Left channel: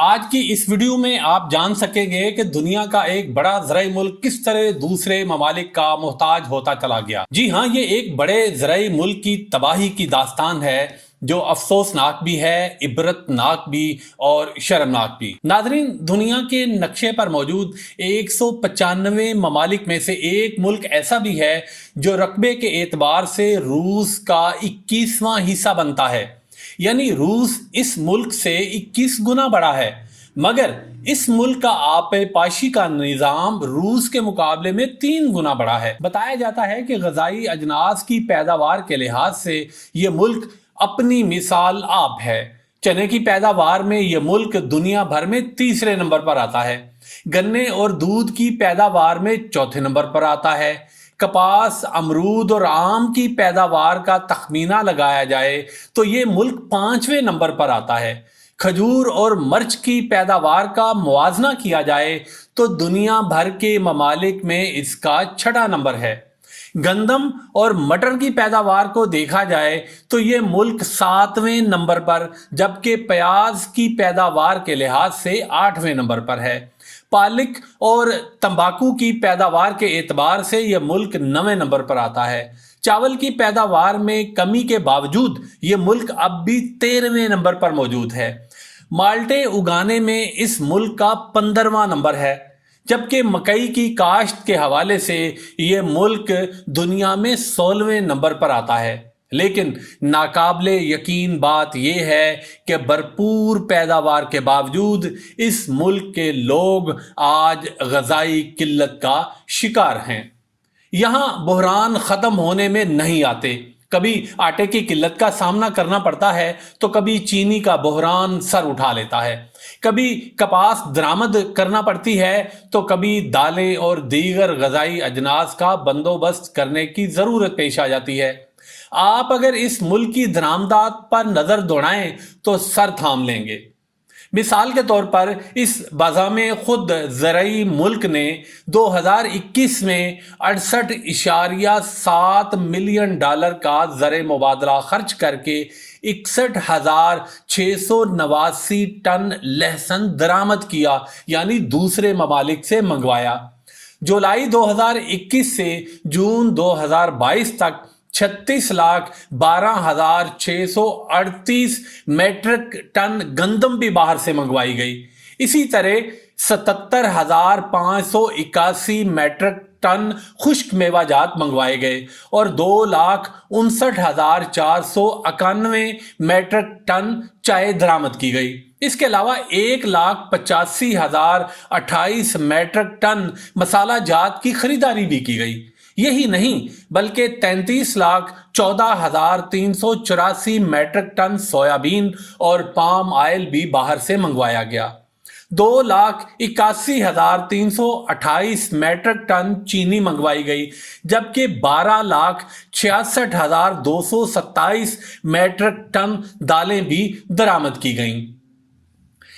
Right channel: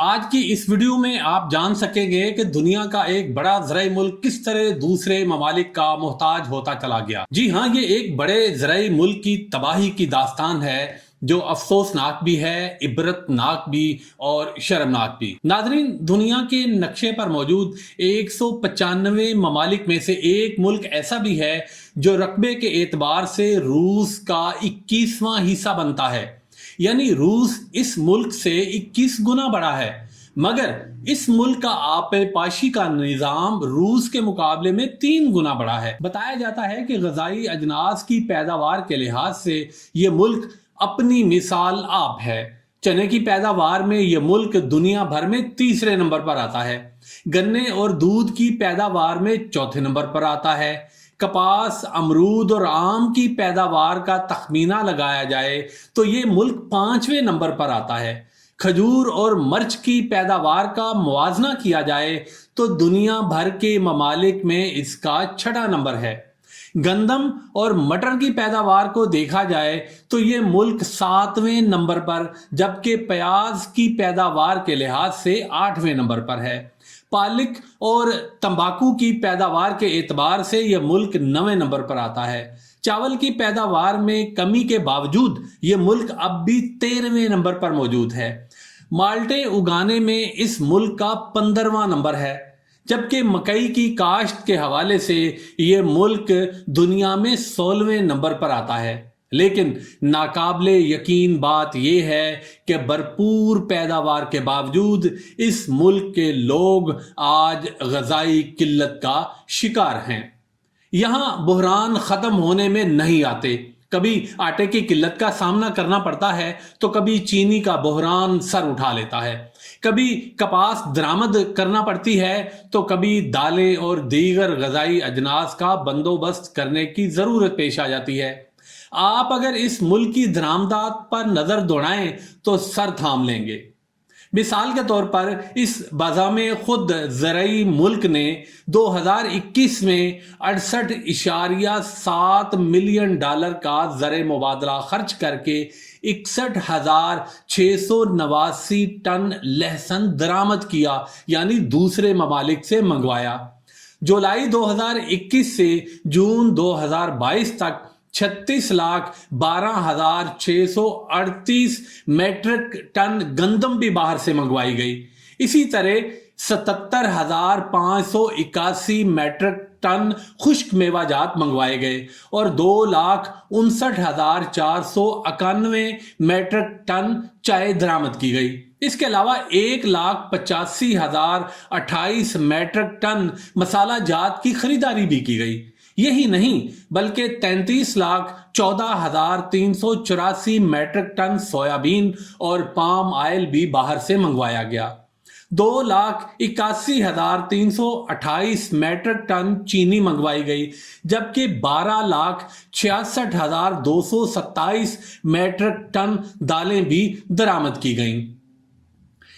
आज की इस वीडियो में आप जान सकेंगे कि दुनिया का एक बड़ा ज़राई मुल्क किस तरह दूसरे ममालिक का मोहताज होता चला गया। जी हाँ, ये एक बड़े ज़राई मुल्क की तबाही की दास्तान है जो अफसोसनाक भी है, इबरतनाक भी और शर्मनाक भी। नाज़रीन, दुनिया के नक्शे पर मौजूद 195 ममालिक में से एक मुल्क ऐसा भी है जो रकबे के एतबार से रूस का 21वां हिस्सा बनता है। यानी रूस इस मुल्क से 21 गुना बड़ा है, मगर इस मुल्क का आबपाशी का निज़ाम रूस के मुकाबले में 3 गुना बड़ा है। बताया जाता है कि ग़ज़ाई अजनास की पैदावार के लिहाज से ये मुल्क अपनी मिसाल आप है। चने की पैदावार में ये मुल्क दुनिया भर में तीसरे नंबर पर आता है। गन्ने और दूध की पैदावार में चौथे नंबर पर आता है। कपास, अमरूद और आम की पैदावार का तखमीना लगाया जाए तो ये मुल्क 5वें नंबर पर आता है। खजूर और मर्च की पैदावार का मुआजना किया जाए तो दुनिया भर के ममालिक में इसका 6वां नंबर है। गंदम और मटर की पैदावार को देखा जाए तो ये मुल्क 7वें नंबर पर, जबकि प्याज की पैदावार के लिहाज से 8वें नंबर पर है। पालक और तंबाकू की पैदावार के एतबार से यह मुल्क 9वें नंबर पर आता है। चावल की पैदावार में कमी के बावजूद ये मुल्क अब भी 13वें नंबर पर मौजूद है। माल्टे उगाने में इस मुल्क का 15वां नंबर है, जबकि मकई की काश्त के हवाले से ये मुल्क दुनिया में 16वें नंबर पर आता है। लेकिन नाकाबिले यकीन बात यह है कि भरपूर पैदावार के बावजूद इस मुल्क के लोग आज ग़ज़ाई किल्लत का शिकार हैं। यहाँ बहरान ख़त्म होने में नहीं आते। कभी आटे की किल्लत का सामना करना पड़ता है तो कभी चीनी का बहरान सर उठा लेता है। कभी कपास दरामद करना पड़ती है तो कभी दालें और दीगर ग़ज़ाई अजनास का बंदोबस्त करने की ज़रूरत पेश आ जाती है। आप अगर इस मुल्क की दरामदात पर नज़र दौड़ाएं तो सर थाम लेंगे। मिसाल के तौर पर इस बाज़ामे खुद ज़राई मुल्क ने 2021 में 68.7 मिलियन डॉलर का ज़र मुबादला खर्च करके 61,689 टन लहसुन दरामद किया, यानी दूसरे ममालिक से मंगवाया। जुलाई 2021 से जून 2022 तक 36,12,638 मेट्रिक टन गंदम भी बाहर से मंगवाई गई। इसी तरह 77,581 मेट्रिक टन खुश्क मेवाजात मंगवाए गए और 2,59,491 मेट्रिक टन चाय दरामद की गई। इसके अलावा 1,85,028 मेट्रिक टन मसाला जात की खरीदारी भी की गई। यही नहीं बल्कि 33,14,384 मेट्रिक टन सोयाबीन और पाम ऑयल भी बाहर से मंगवाया गया। 2,81,328 मेट्रिक टन चीनी मंगवाई गई, जबकि 12,66,227 मेट्रिक टन दालें भी दरामद की गईं।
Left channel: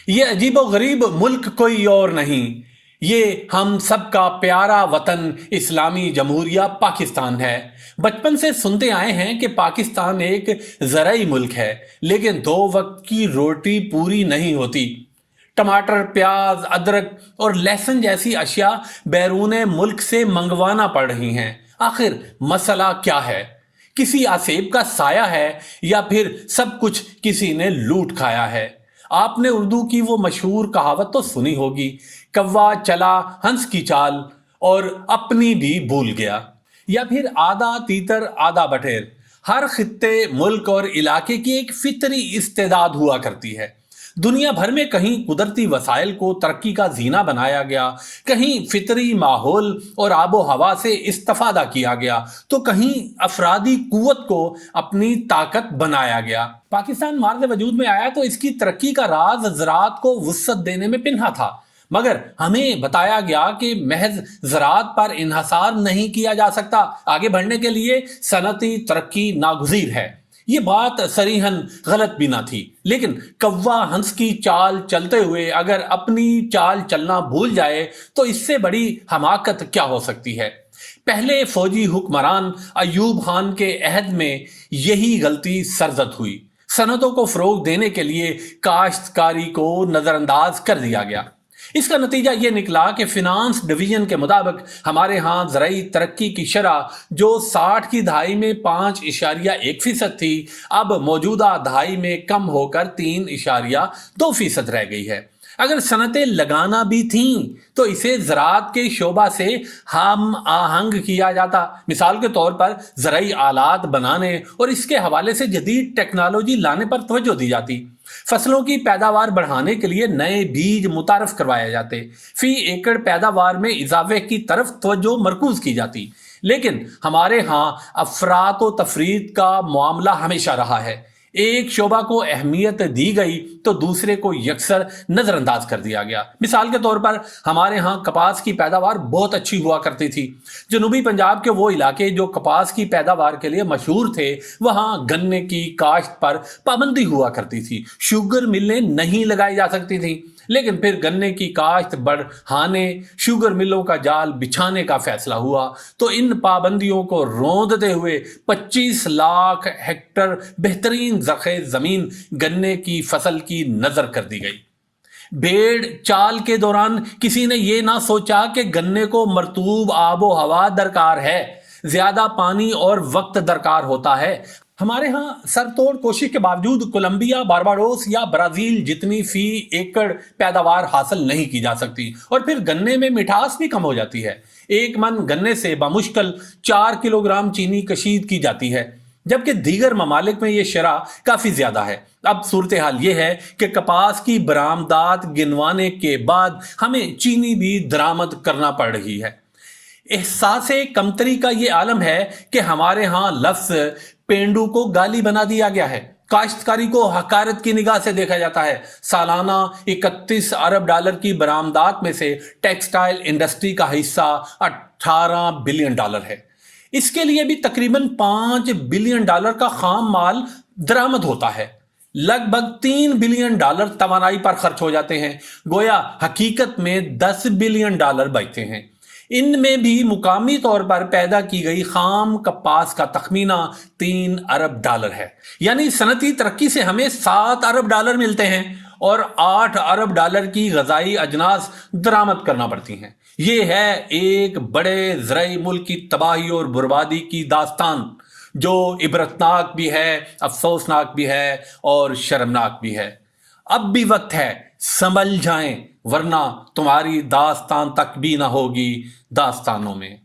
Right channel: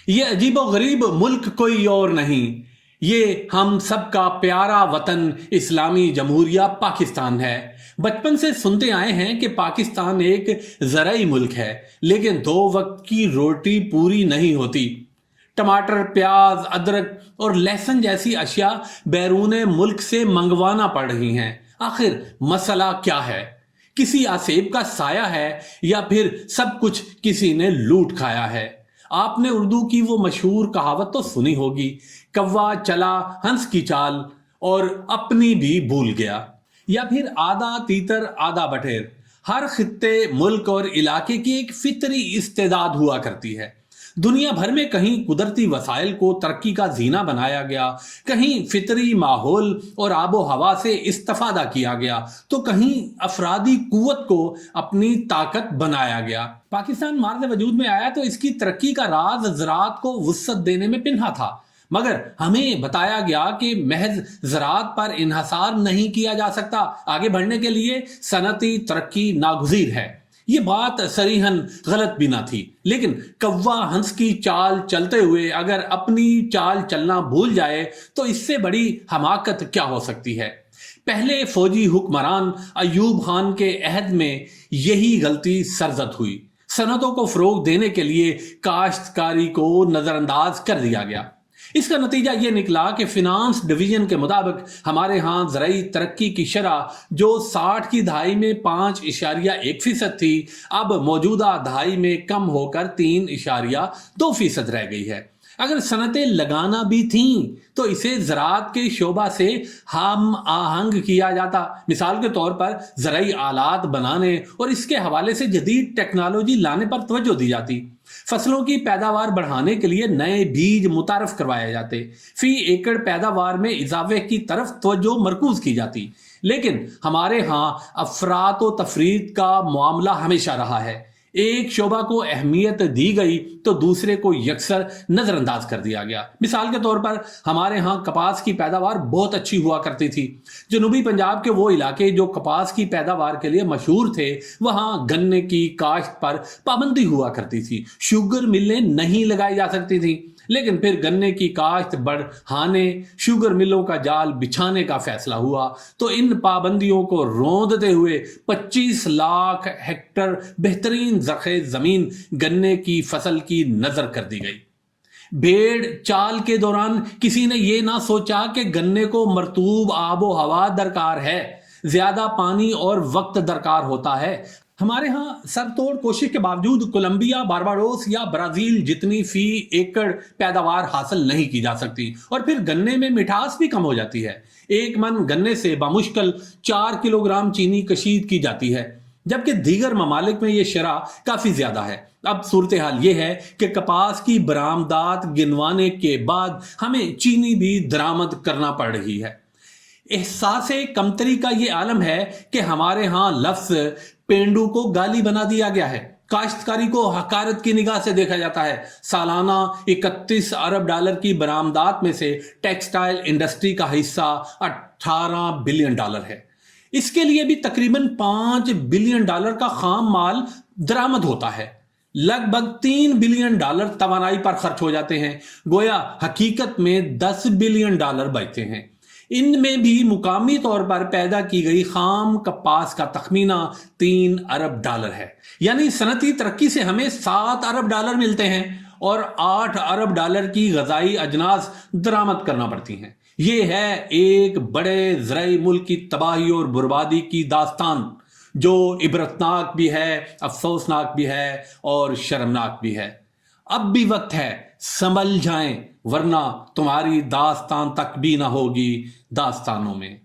ये अजीबोगरीब मुल्क कोई और नहीं, ये हम सबका प्यारा वतन इस्लामी जमहूरिया पाकिस्तान है। बचपन से सुनते आए हैं कि पाकिस्तान एक ज़राई मुल्क है, लेकिन 2 वक्त की रोटी पूरी नहीं होती। टमाटर, प्याज, अदरक और लहसुन जैसी अशिया बैरून मुल्क से मंगवाना पड़ रही हैं। आखिर मसला क्या है? किसी आसेब का साया है या फिर सब कुछ किसी ने लूट खाया है? आपने उर्दू की वो मशहूर कहावत तो सुनी होगी, कौवा चला हंस की चाल और अपनी भी भूल गया। या फिर आधा तीतर आधा बटेर। हर खित्ते, मुल्क और इलाके की एक फितरी इस्तेदाद हुआ करती है। दुनिया भर में कहीं कुदरती वसाइल को तरक्की का जीना बनाया गया, कहीं फितरी माहौल और आबो हवा से इस्तेफादा किया गया, तो कहीं अफरादी कुव्वत को अपनी ताकत बनाया गया। पाकिस्तान मार्ज़ वजूद में आया तो इसकी तरक्की का राज ज़राअत को वुस्अत देने में पिन्हा था, मगर हमें बताया गया कि महज ज़राअत पर इन्हसार नहीं किया जा सकता। आगे बढ़ने के लिए सनती तरक्की नागुज़ीर है। ये बात सरीहन गलत भी ना थी, लेकिन कौवा हंस की चाल चलते हुए अगर अपनी चाल चलना भूल जाए तो इससे बड़ी हमाकत क्या हो सकती है। पहले फौजी हुक्मरान अयूब खान के अहद में यही गलती सरजद हुई। सनतों को फरोग देने के लिए काश्तकारी को नजरअंदाज कर दिया गया। इसका नतीजा ये निकला कि फिनांस डिवीजन के मुताबिक हमारे यहाँ ज़राई तरक्की की शरह जो 60 की दहाई में 5.1% थी, अब मौजूदा दहाई में कम होकर 3.2% रह गई है। अगर सनतें लगाना भी थीं तो इसे ज़राअत के शोबा से हम आहंग किया जाता। मिसाल के तौर पर ज़राई आलात बनाने और इसके हवाले से जदीद टेक्नोलॉजी लाने पर तवज्जो दी जाती। फसलों की पैदावार बढ़ाने के लिए नए बीज मुतारफ करवाए जाते। फी एकड़ पैदावार में इजाफे की तरफ तवज्जो मरकूज की जाती। लेकिन हमारे यहाँ अफरात व तफरीत का मामला हमेशा रहा है। एक शोबा को अहमियत दी गई तो दूसरे को यकसर नजरअंदाज कर दिया गया। मिसाल के तौर पर हमारे यहाँ कपास की पैदावार बहुत अच्छी हुआ करती थी। जनूबी पंजाब के वो इलाके जो कपास की पैदावार के लिए मशहूर थे, वहाँ गन्ने की काश्त पर पाबंदी हुआ करती थी। शुगर मिलें नहीं लगाई जा सकती थी। लेकिन फिर गन्ने की काश्त बढ़ाने, शुगर मिलों का जाल बिछाने का फैसला हुआ तो इन पाबंदियों को रोंदते हुए 25 लाख हेक्टर बेहतरीन ज़रख़ेज़ ज़मीन गन्ने की फसल की नज़र कर दी गई। भेड़ चाल के दौरान किसी ने ये ना सोचा कि गन्ने को मरतूब आबो हवा दरकार है, ज्यादा पानी और वक्त दरकार होता है। हमारे यहाँ सरतोड़ कोशिश के बावजूद कोलंबिया, बारबाडोस या ब्राजील जितनी फी एकड़ पैदावार हासिल नहीं की जा सकती और फिर गन्ने में मिठास भी कम हो जाती है। एक मन गन्ने से बामुश्किल 4 किलोग्राम चीनी कशीद की जाती है, जबकि दीगर ममालिक में ये शरह काफ़ी ज़्यादा है। अब सूरत हाल ये है कि कपास की बरामदात गिनवाने के बाद हमें चीनी भी दरामद करना पड़ रही है। एहसास-ए कमतरी का ये आलम है कि हमारे यहाँ लफ्ज़ पेंडू को गाली बना दिया गया है। काश्तकारी को हकारत की निगाह से देखा जाता है। सालाना 31 अरब डॉलर की बरामदात में से टेक्सटाइल इंडस्ट्री का हिस्सा 18 बिलियन डॉलर है। इसके लिए भी तकरीबन 5 बिलियन डॉलर का खाम माल दरामद होता है। लगभग 3 बिलियन डॉलर तवानाई पर खर्च हो जाते हैं। गोया हकीकत में 10 बिलियन डॉलर बचते हैं। इनमें भी मुकामी तौर पर पैदा की गई खाम कपास का तखमीना 3 अरब डॉलर है। यानी सनती तरक्की से हमें 7 अरब डॉलर मिलते हैं और 8 अरब डॉलर की गजाई अजनास दरामद करना पड़ती हैं। ये है एक बड़े ज़राई मुल्क की तबाही और बर्बादी की दास्तान, जो इबरतनाक भी है, अफसोसनाक भी है और शर्मनाक भी है। अब भी वक्त है, संभल जाएं, वरना तुम्हारी दास्तान तक भी ना होगी दास्तानों में।